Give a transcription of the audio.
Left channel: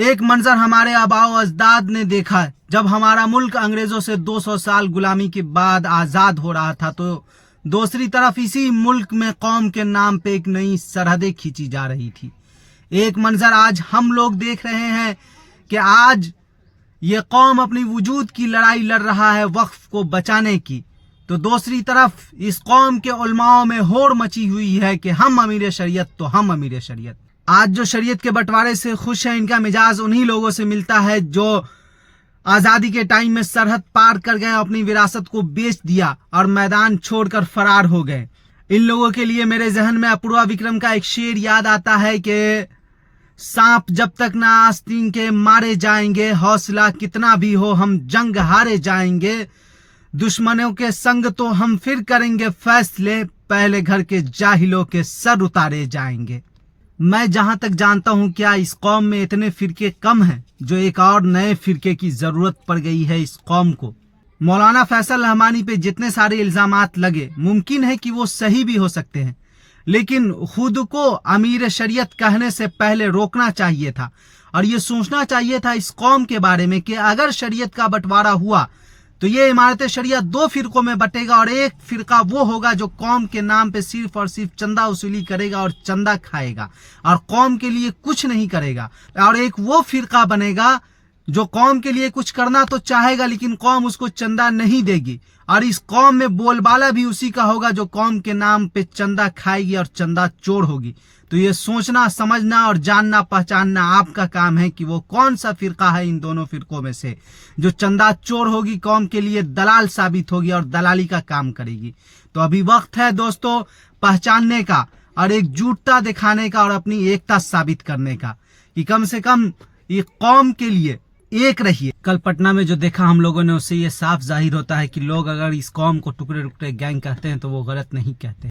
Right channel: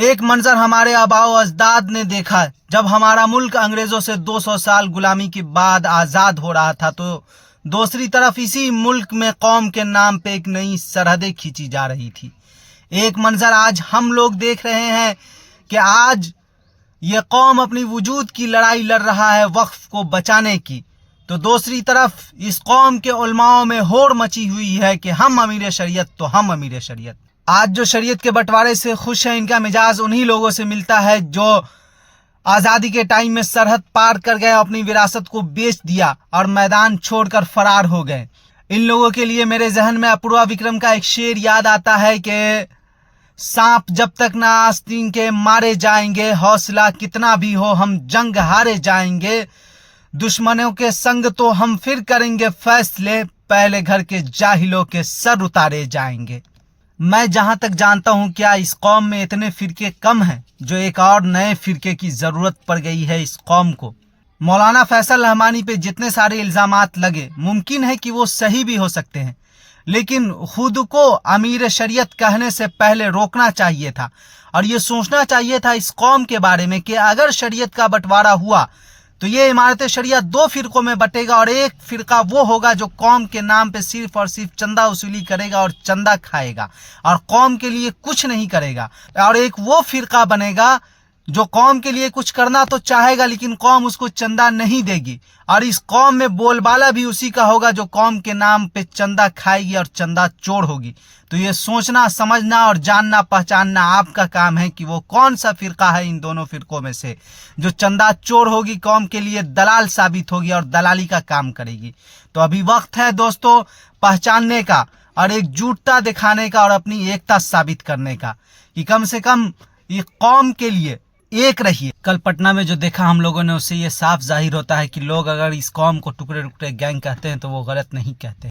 एक मंजर हमारे आबाओ अजदाद ने देखा जब हमारा मुल्क अंग्रेजों से 200 साल गुलामी के बाद आज़ाद हो रहा था, तो दूसरी तरफ इसी मुल्क में कौम के नाम पे एक नई सरहदें खींची जा रही थी। एक मंजर आज हम लोग देख रहे हैं कि आज ये कौम अपनी वजूद की लड़ाई लड़ रहा है वक्फ को बचाने की, तो दूसरी तरफ इस कौम के उलमाओं में होड़ मची हुई है कि हम अमीर शरीयत तो हम अमीर शरीयत। आज जो शरीयत के बंटवारे से खुश है, इनका मिजाज उन्हीं लोगों से मिलता है जो आज़ादी के टाइम में सरहद पार कर गए, अपनी विरासत को बेच दिया और मैदान छोड़कर फरार हो गए। इन लोगों के लिए मेरे जहन में अपूर्वा विक्रम का एक शेर याद आता है कि सांप जब तक ना आस्तीन के मारे जाएंगे, हौसला कितना भी हो हम जंग हारे जाएंगे। दुश्मनों के संग तो हम फिर करेंगे फैसले, पहले घर के जाहिलों के सर उतारे जाएंगे। मैं जहां तक जानता हूं, क्या इस कौम में इतने फिरके कम हैं जो एक और नए फिरके की जरूरत पड़ गई है इस कौम को। मौलाना फैसल रहमानी पे जितने सारे इल्जामात लगे, मुमकिन है कि वो सही भी हो सकते हैं, लेकिन खुद को अमीर शरीयत कहने से पहले रोकना चाहिए था और ये सोचना चाहिए था इस कौम के बारे में कि अगर शरीयत का बंटवारा हुआ तो ये इमारत शरीयत दो फिरकों में बटेगा और एक फिरका वो होगा जो कौम के नाम पे सिर्फ और सिर्फ चंदा वसूली करेगा और चंदा खाएगा और कौम के लिए कुछ नहीं करेगा, और एक वो फिरका बनेगा जो कौम के लिए कुछ करना तो चाहेगा लेकिन कौम उसको चंदा नहीं देगी, और इस कौम में बोलबाला भी उसी का होगा जो कौम के नाम पे चंदा खाएगी और चंदा चोर होगी। तो ये सोचना, समझना और जानना पहचानना आपका काम है कि वो कौन सा फिरका है इन दोनों फिरकों में से जो चंदा चोर होगी, कौम के लिए दलाल साबित होगी और दलाली का काम करेगी। तो अभी वक्त है दोस्तों पहचानने का और एकजुटता दिखाने का और अपनी एकता साबित करने का कि कम से कम ये कौम के लिए एक रहिए। कल पटना में जो देखा हम लोगों ने, उससे ये साफ जाहिर होता है कि लोग अगर इस कौम को टुकड़े टुकड़े गैंग कहते हैं तो वो गलत नहीं कहते।